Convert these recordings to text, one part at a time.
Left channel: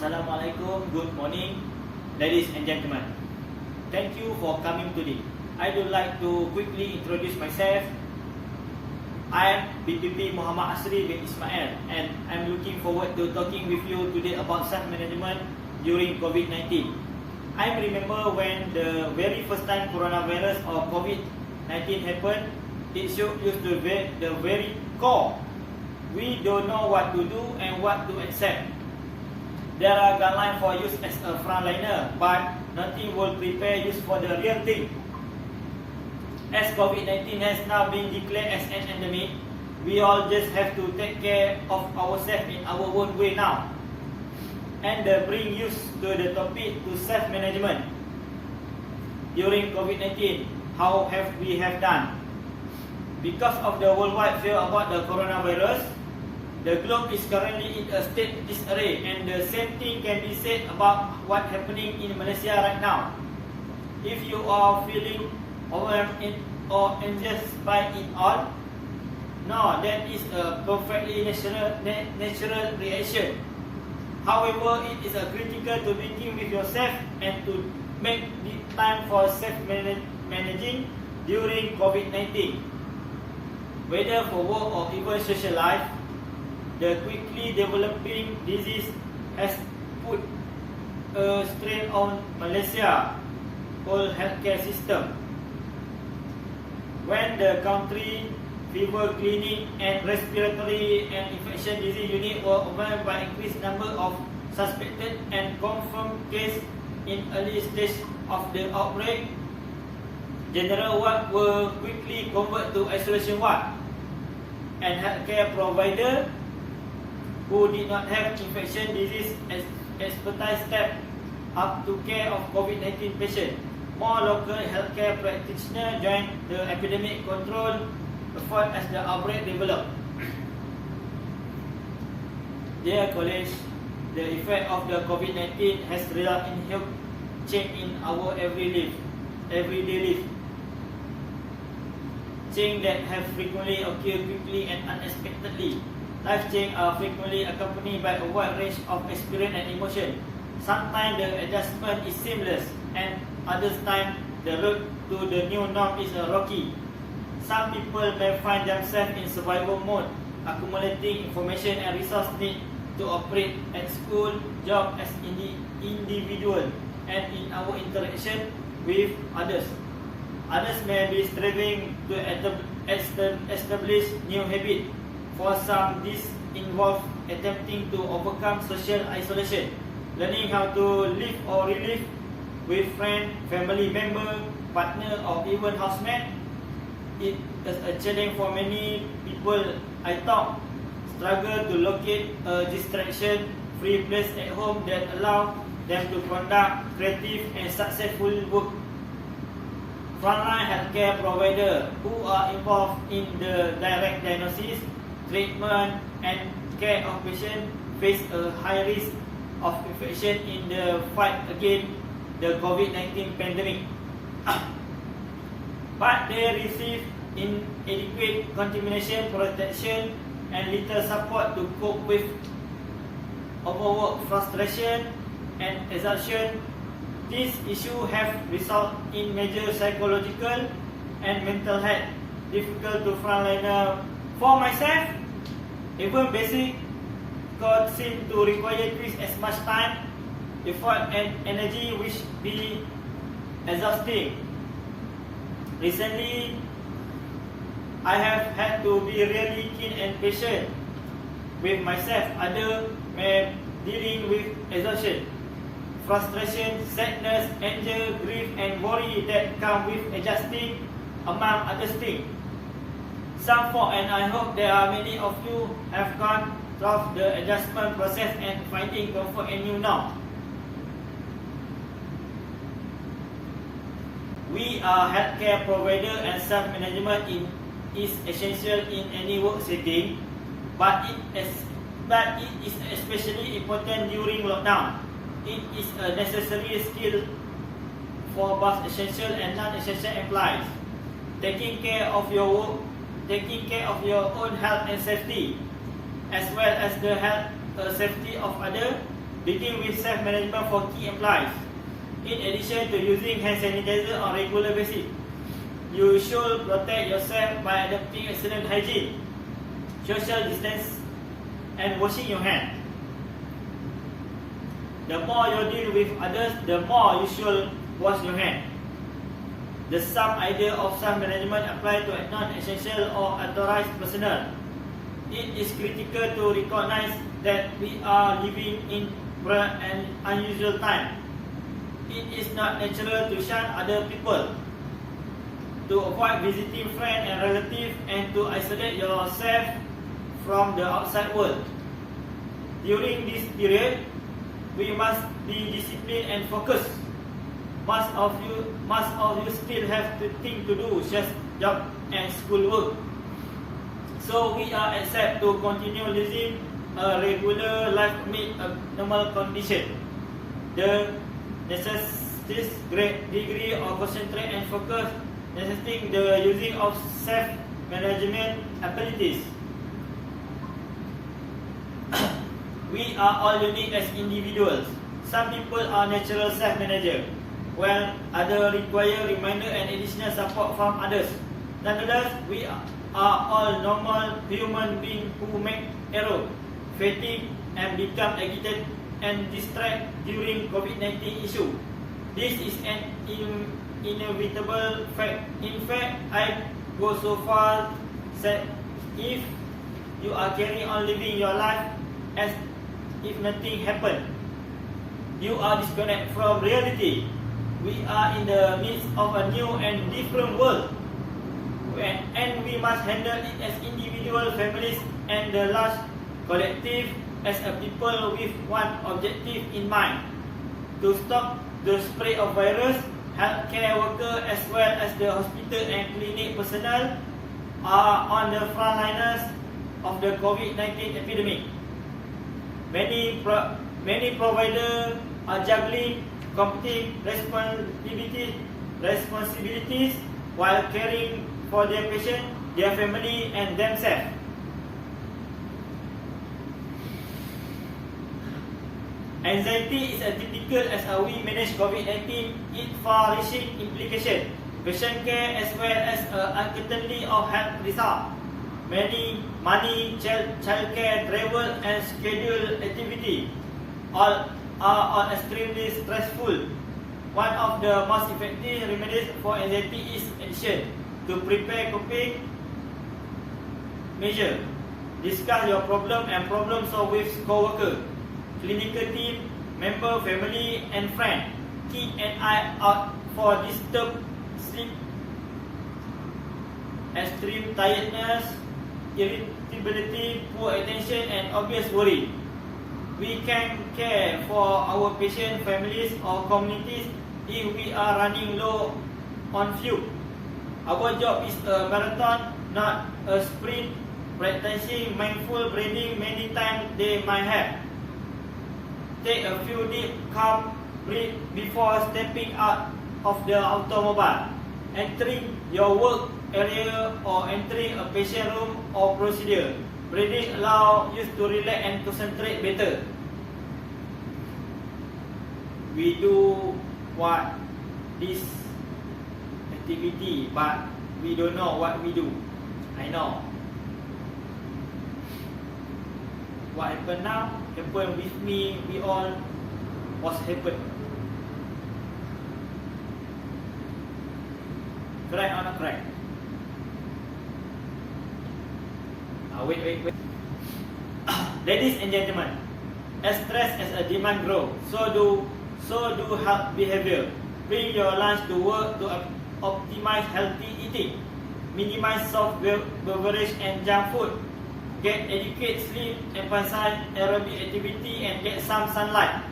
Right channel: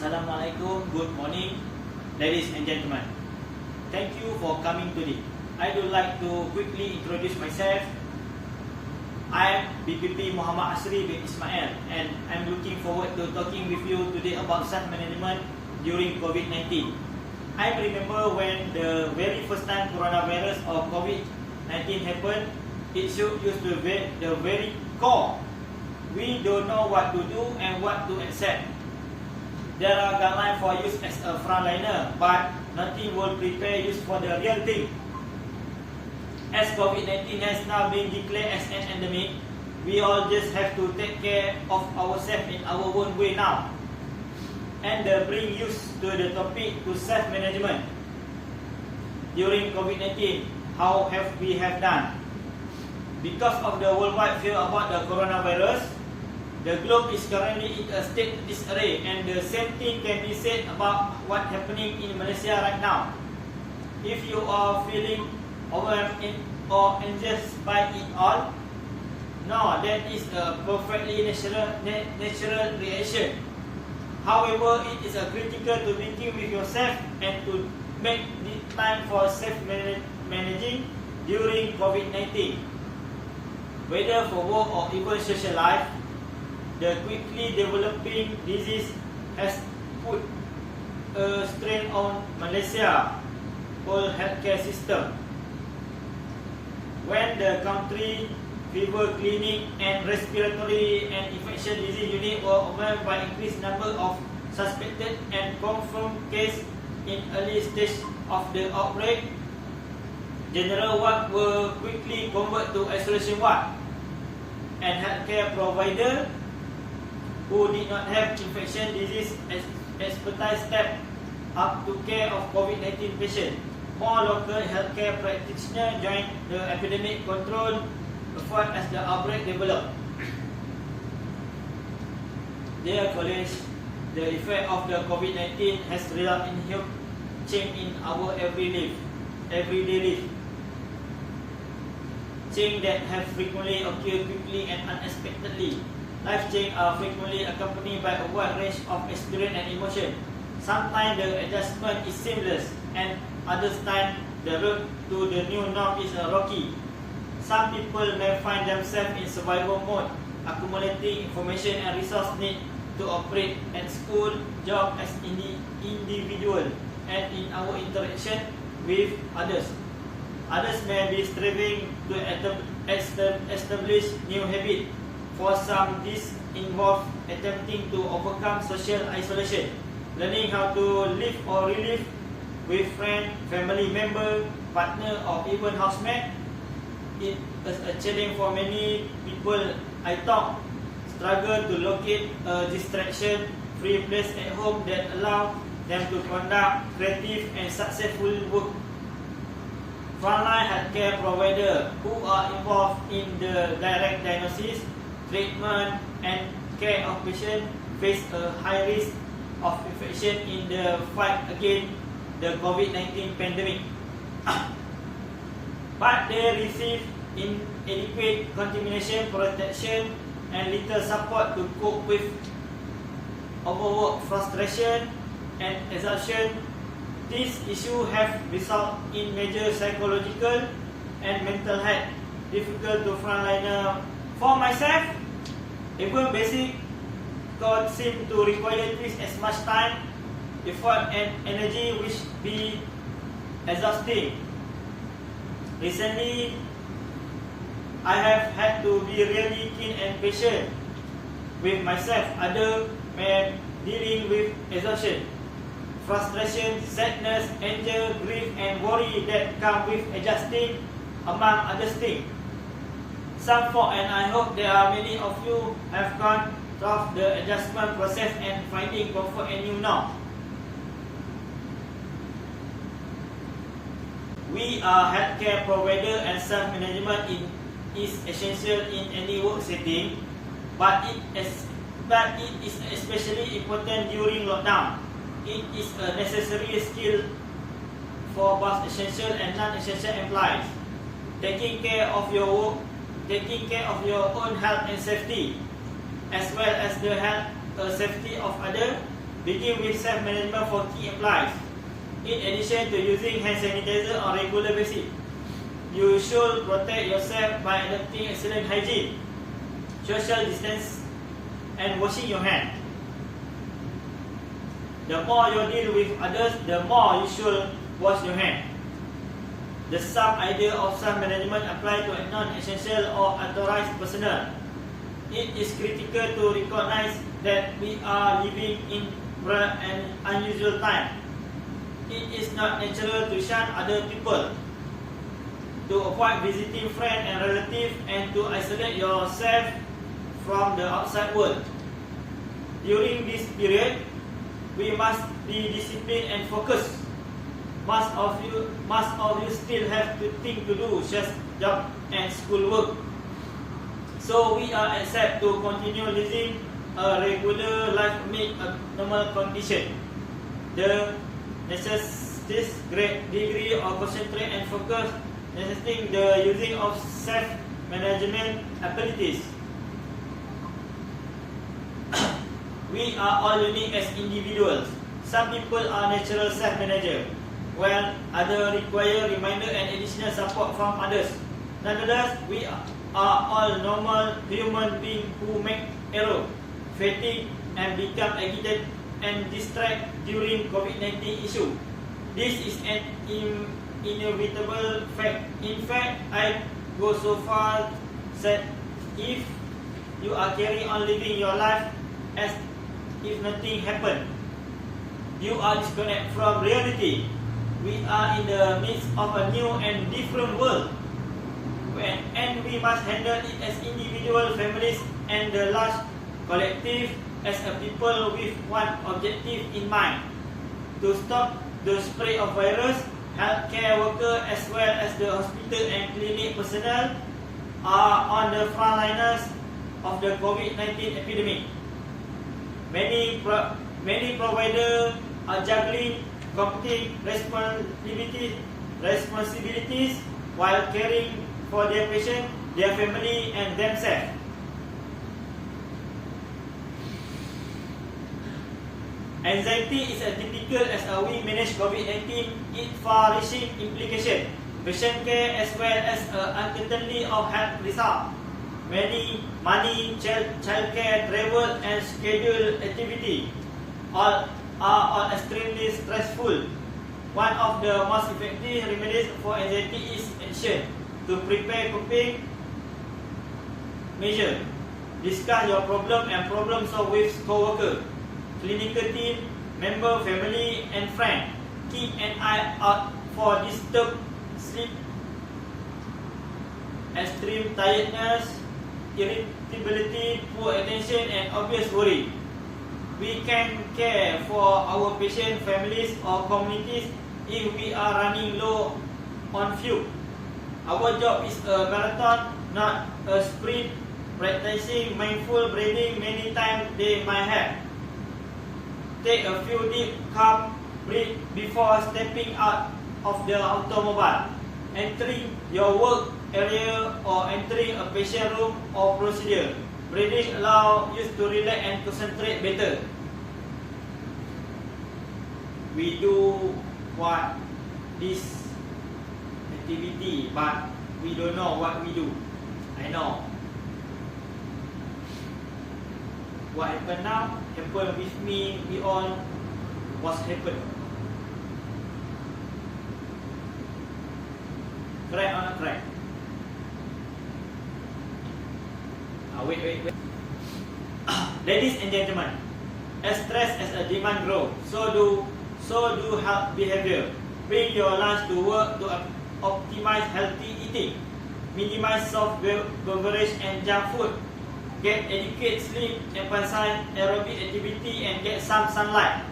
Assalamualaikum, good morning, ladies and gentlemen. Thank you for coming today. I would like to quickly introduce myself. I am BPP Muhammad Asri bin Ismail, and I'm looking forward to talking with you today about self-management during COVID-19. I remember when the very first time coronavirus or COVID-19 happened, it used to be the very core. We don't know what to do and what to accept. There are guidelines for use as a frontliner, but nothing will prepare you for the real thing. As COVID-19 has now been declared as an endemic, we all just have to take care of ourselves in our own way now. And bring use to the topic to self-management. During COVID-19, how have we done? Because of the worldwide fear about the coronavirus, the globe is currently in a state disarray, and the same thing can be said about what's happening in Malaysia right now. If you are feeling overwhelmed or anxious by it all, no, that is a perfectly natural reaction. However, it is critical to begin with yourself and to make the time for self-managing during COVID-19. Whether for work or even social life, the quickly developing disease has put a strain on Malaysia's whole healthcare system. When the country fever clinic and respiratory and infection disease unit were overwhelmed by increased number of suspected and confirmed cases in early stage of the outbreak, general ward were quickly converted to isolation ward, and healthcare provider who did not have infection disease expertise stepped up to care of COVID-19 patients. More local healthcare practitioners joined the epidemic control effort as the outbreak developed. Dear colleagues, the effect of the COVID-19 has resulted in huge change in our everyday life. Change that have frequently occurred quickly and unexpectedly. Life change are frequently accompanied by a wide range of experience and emotion. Sometimes the adjustment is seamless, and other times the road to the new norm is rocky. Some people may find themselves in survival mode, accumulating information and resource need to operate at school, job as individual, and in our interaction with others. Others may be striving to establish new habits. For some, this involves attempting to overcome social isolation, learning how to live or relive with friends, family members, partner, or even housemate. It is a challenge for many people. I thought struggle to locate a distraction-free place at home that allow them to conduct creative and successful work. Frontline healthcare providers who are involved in the direct diagnosis, treatment and care of patients face a high risk of infection in the fight against the COVID-19 pandemic. But they receive inadequate contamination protection and little support to cope with overwork, frustration and exhaustion. These issues have resulted in major psychological and mental health difficult to frontliner. For myself, even basic code seem to require twice as much time, effort and energy, which be exhausting. Recently, I have had to be really keen and patient with myself. Others may dealing with exhaustion, frustration, sadness, anger, grief and worry that come with adjusting, among other things. Some for, and I hope there are many of you have gone through the adjustment process and finding comfort in you now. We are healthcare provider and self-management is essential in any work setting, but it is especially important during lockdown. It is a necessary skill for both essential and non-essential employees. Taking care of your work, taking care of your own health and safety, as well as the health safety of others, begin with self-management for key employees. In addition to using hand sanitizer on regular basis, you should protect yourself by adopting excellent hygiene, social distance, and washing your hands. The more you deal with others, the more you should wash your hands. The same idea of self-management applies to non-essential or unauthorized personnel. It is critical to recognize that we are living in an unusual time. It is not natural to shun other people, to avoid visiting friends and relatives, and to isolate yourself from the outside world. During this period, we must be disciplined and focused. Most of you still have things to do, such as job and schoolwork. So we are accepted to continue living a regular life amid a normal condition. The necessitates great degree of concentration and focus, necessitating the using of self-management abilities. We are all unique as individuals. Some people are natural self-managers, while others require reminder and additional support from others. Nonetheless, we are all normal human beings who make errors, fatigue, and become agitated and distracted during COVID-19 issue. This is an inevitable fact. In fact, I go so far that if you are carrying on living your life as if nothing happened, you are disconnected from reality. We are in the midst of a new and different world, and we must handle it as individual families and the large collective as a people with one objective in mind: to stop the spread of virus. Healthcare workers as well as the hospital and clinic personnel are on the frontliners of the COVID-19 epidemic. Many providers are juggling competing responsibilities while caring for their patient, their family, and themselves. Anxiety is as typical as how we manage COVID-19. Its far-reaching implications, patient care as well as uncertainty of health results. Money, childcare, travel, and scheduled activity all are extremely stressful. One of the most effective remedies for anxiety is action to prepare coping measures. Discuss your problem and problem solve with co-worker, clinical team, member, family, and friend. Keep an eye out for disturbed sleep, extreme tiredness, irritability, poor attention, and obvious worry. We can care for our patient, families, or communities if we are running low on fuel. Our job is a marathon, not a sprint. Practicing mindful breathing many times they might have. Take a few deep, calm breaths before stepping out of the automobile, entering your work area, or entering a patient room or procedure. Breathing allows you to relax and concentrate better. We do what this activity, but we don't know what we do. I know. What happened now happened with me. We all was happened. Correct or not correct? Wait. Ladies and gentlemen, as stress as a demand grows, so do health behavior. Bring your lunch to work to optimize healthy eating. Minimize soft beverage and junk food. Get adequate sleep, emphasize aerobic activity, and get some sunlight.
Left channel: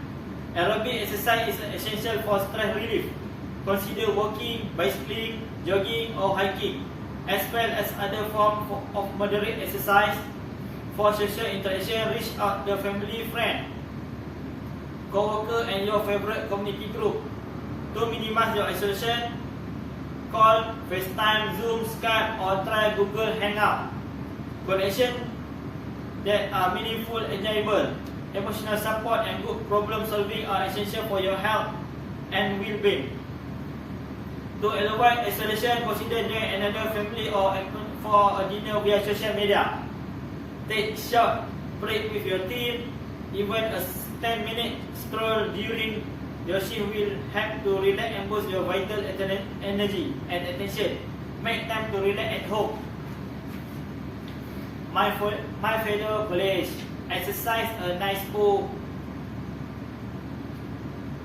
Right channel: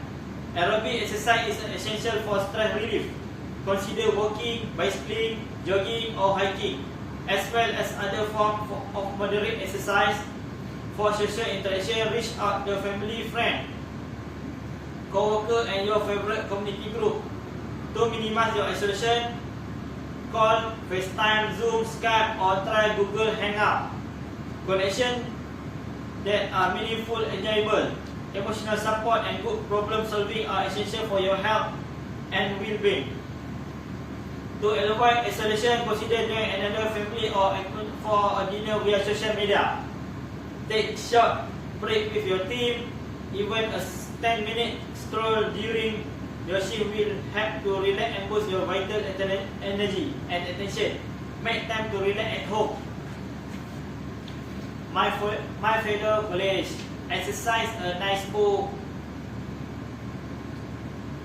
Aerobic exercise is essential for stress relief. Consider walking, bicycling, jogging, or hiking, as well as other forms of moderate exercise. For social interaction, reach out to family, friend, co-worker, and your favorite community group. To minimize your isolation, call, FaceTime, Zoom, Skype, or try Google Hangout. Connection that are meaningful, enjoyable. emotional support and good problem solving are essential for your health and well-being. To avoid isolation, consider joining another family or for a dinner via social media. Take short break with your team. Even a 10-minute stroll during your shift will help to relax and boost your vital energy and attention. Make time to relax at home. My fellow colleagues, exercise, a nice book,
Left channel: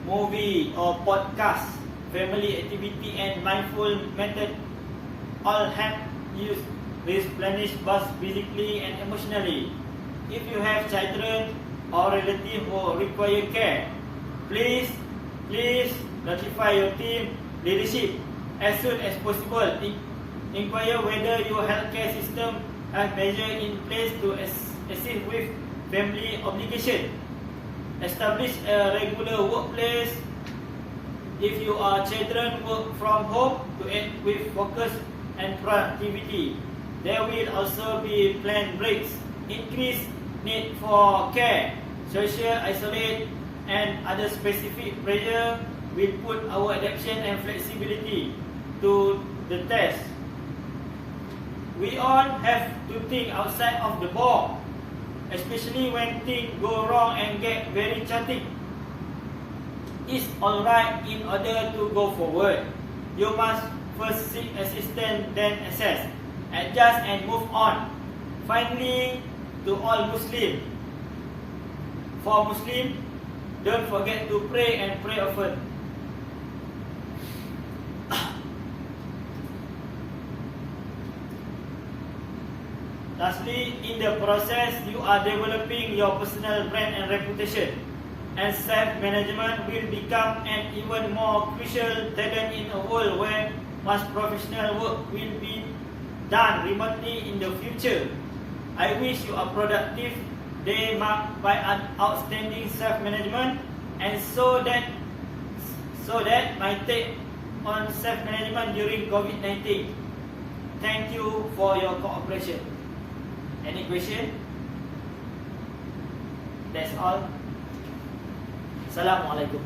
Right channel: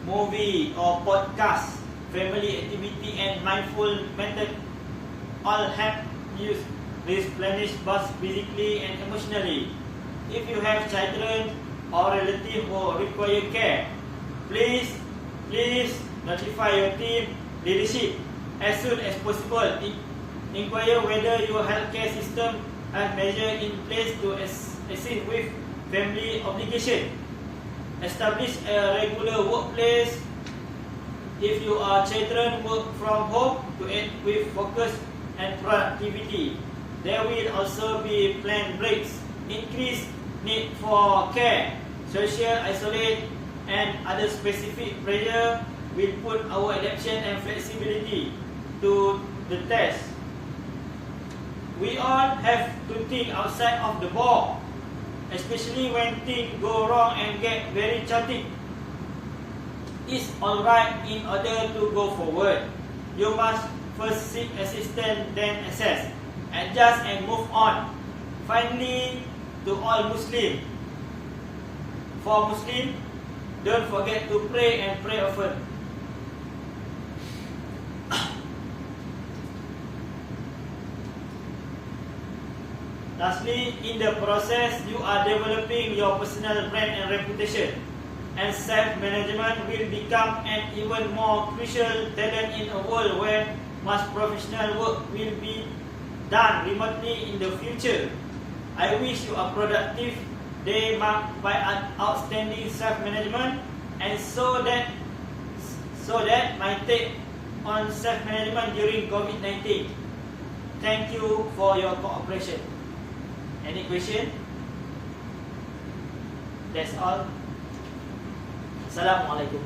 movie or podcast, family activity and mindful method all help you replenish both physically and emotionally. If you have children or relatives who require care, please notify your team leadership as soon as possible. Inquire whether your healthcare system has measures in place to assist with family obligation. Establish a regular workplace. If you are children, work from home to aid with focus and productivity. There will also be planned breaks, increased need for care, social isolation, and other specific pressure will put our adaptation and flexibility to the test. We all have to think outside of the box, especially when things go wrong and get very chaotic. It's alright in order to go forward. You must first seek assistance, then assess, adjust and move on. Finally, to all Muslims, for Muslims, don't forget to pray and pray often. Lastly, in the process, you are developing your personal brand and reputation, and self-management will become an even more crucial talent in a world where much professional work will be done remotely in the future. I wish you a productive day marked by an outstanding self-management, and so that my take on self-management during COVID-19. Thank you for your cooperation. Any question? That's all. Assalamualaikum.